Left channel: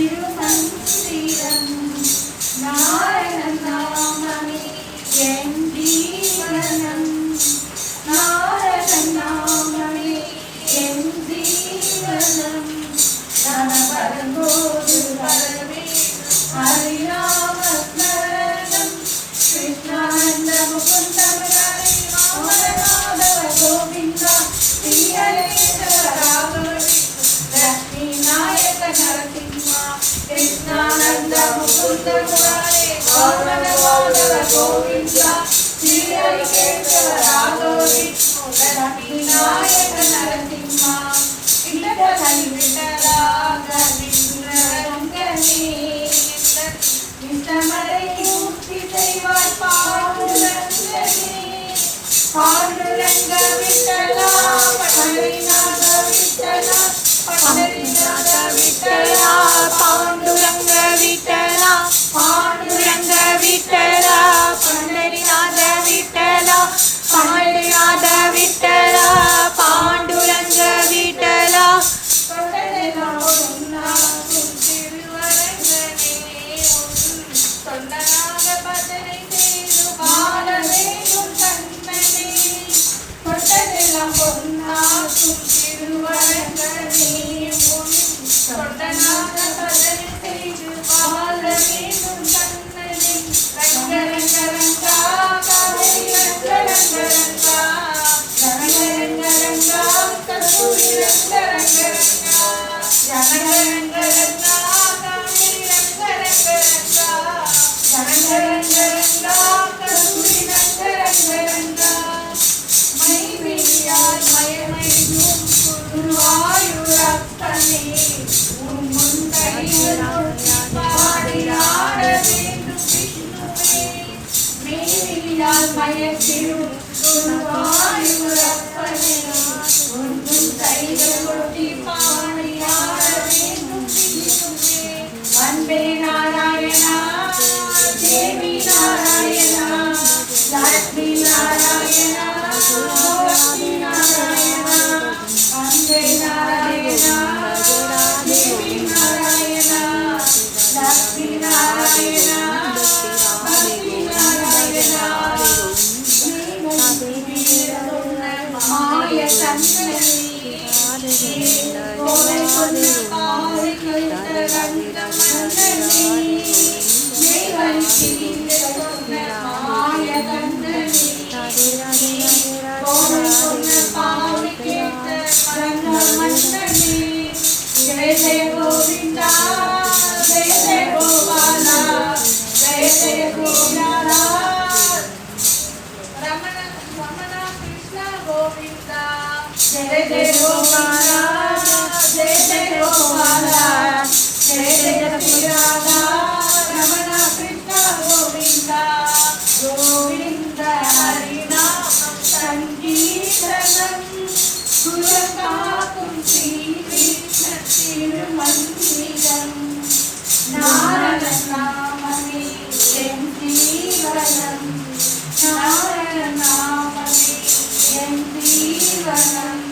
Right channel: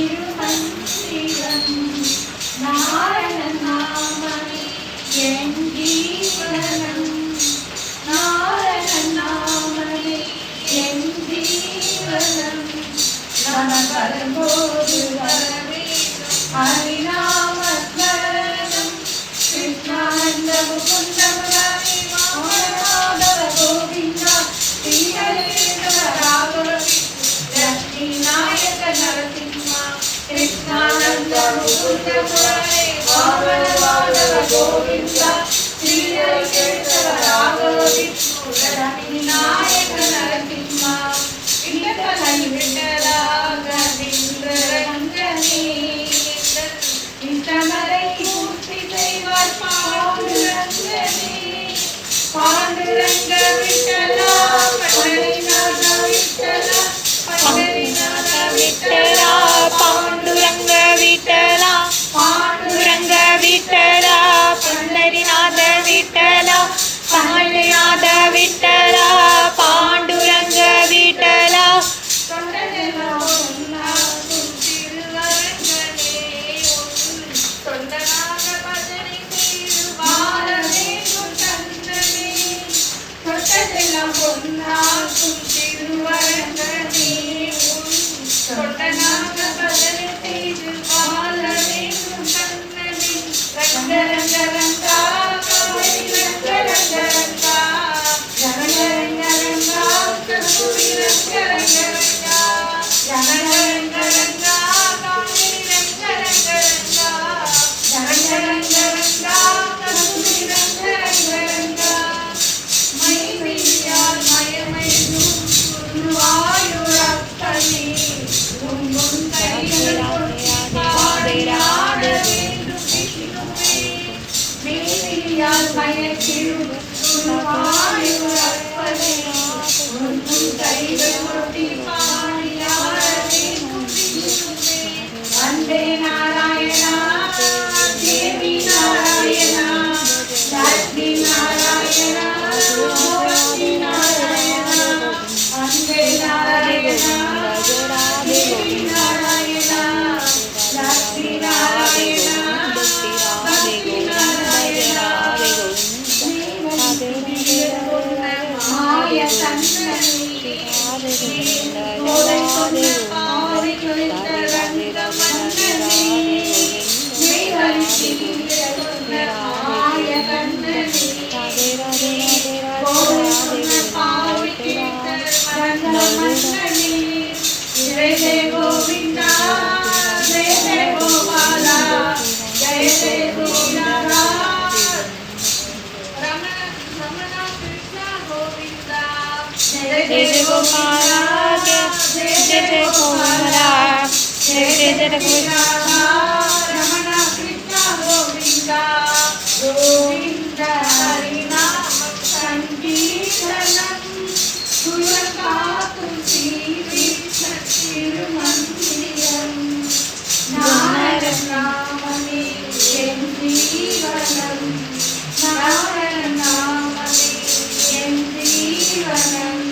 திருமந்திரம் நாரண நாமமே என் ஜீவனம் நாரண நாமமே என் ஜீவனம் நம வரும்போது வரவே ஹரிநாம ஸ்மரணம் கிருஷ்ணானந்த முகுந்த முராரி மாதவ கோவிந்தா ஸ்ரீஹரேந்திர ராகவ லக்ஷ்மி நாயக நரசிம்மா கிருஷ்ணானந்த முகுந்த முராரி மாதவ கோவிந்தா ஸ்ரீஹரேந்திர ராகவ லக்ஷ்மி நாயக நரசிம்மா விட்டலை விட்டலாக நின்ற ரங்கனே இந்தமலை பூர்த்தி செய்வாய் பாண்டுரங்கனே பாண்டுரங்க விட்டலா பண்டரிநாத விட்டலா பண்டரிநாத விட்டலா பாண்டுரங்க விட்டலா பாண்டுரங்க விட்டலா பண்டரிநாத விட்டலா பாண்டுநாத விட்டலா பாண்டுரங்க விட்டலா தொண்டனெல்லாம் ஒன்றாகும் திருவரங்கனே தொண்டனாக பஜனை செய்து வாழ வேண்டும் தன்னனே தொண்டனெல்லாம் ஒன்றாகும் திருவரங்கனே தொண்டனாக பஜனை செய்து வாழ வேண்டும் தன்னனே ரங்க ரங்க ரங்கா காவடி ரங்க ரங்க ரங்கா ரங்க ரங்க ரங்கா கஸ்தூரி ரங்க ரங்க ரங்கா ரங்க ரங்க ரங்கா காவடி ரங்க ரங்க ரங்கா ரங்க ரங்க ரங்கா கஸ்தூரி ரங்க ரங்க ரங்கா மைவிழியால் மயமையும் குருவாயூரப்பனே உன் முன் கையில் பாடியாட வேண்டும் விஷ்ணுவே மேலியால் மயக்கிடும் குருவாயூரப்பனே உன் முன் கையில் ஒட்டி பாடியாட வேண்டும் விஷ்ணுவே அன்பே நாராயணா தேவி நாராயணா லக்ஷ்மி நாராயணா மூர்த்தி நாராயணா அன்பே நாராயணா தேவி நாராயணா லக்ஷ்மி நாராயணா பக்தி நாராயணா மாய தன்னனே கோலை கொண்ட பாவை கழித்த ரங்க மன்னனே மேவலிசி சொன்ன மாய தன்னனே கோலை கொண்ட பாவை கேட்ட ரங்க மன்னனே ஜெய ஜெய கோவிந்தா ஜெய ஜெய கோபாலா ஜெய ஜெய கோவிந்தா ரமண ரமண கிருஷ்ண கோவிந்தா ஜெய ஜெய கோபாலா ஜெய ஜெய கோபாலா ஜெய ஜெய கோவிந்தா ரமண கிருஷ்ண கோவிந்தா கோவிந்த ஹரிநாம சங்கீர்த்தனம் குலகாத்தும் ஸ்ரீகிருஷ்ண திருமந்திரம் நாரண நாமமே என் ஜீவனம் நாரண நாமமே என் ஜீவனம்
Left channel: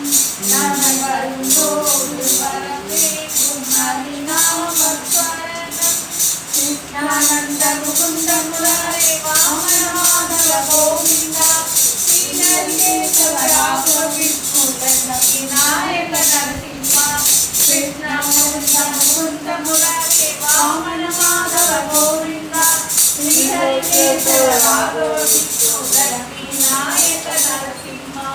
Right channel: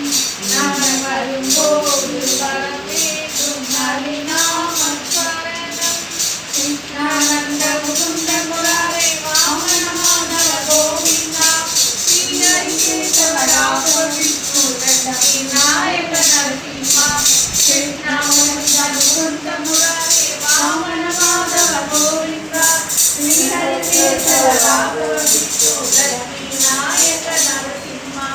நம வரும்போது வரவேண்டும் ஹரிநாம ஸ்மரணம் கிருஷ்ணானந்த முகுந்த முராரே வாமனமாதவ கோவிந்தா ஸ்ரீஹரிகேசவ ராகவ விஷ்ணு லக்ஷ்மி நாயக நரசிம்மா கிருஷ்ணானந்த முகுந்த முராரே வாமனமாதவ கோவிந்தா ஸ்ரீஹரிகேசவ ராகவ விஷ்ணு லக்ஷ்மி நாயக நரசிம்மா.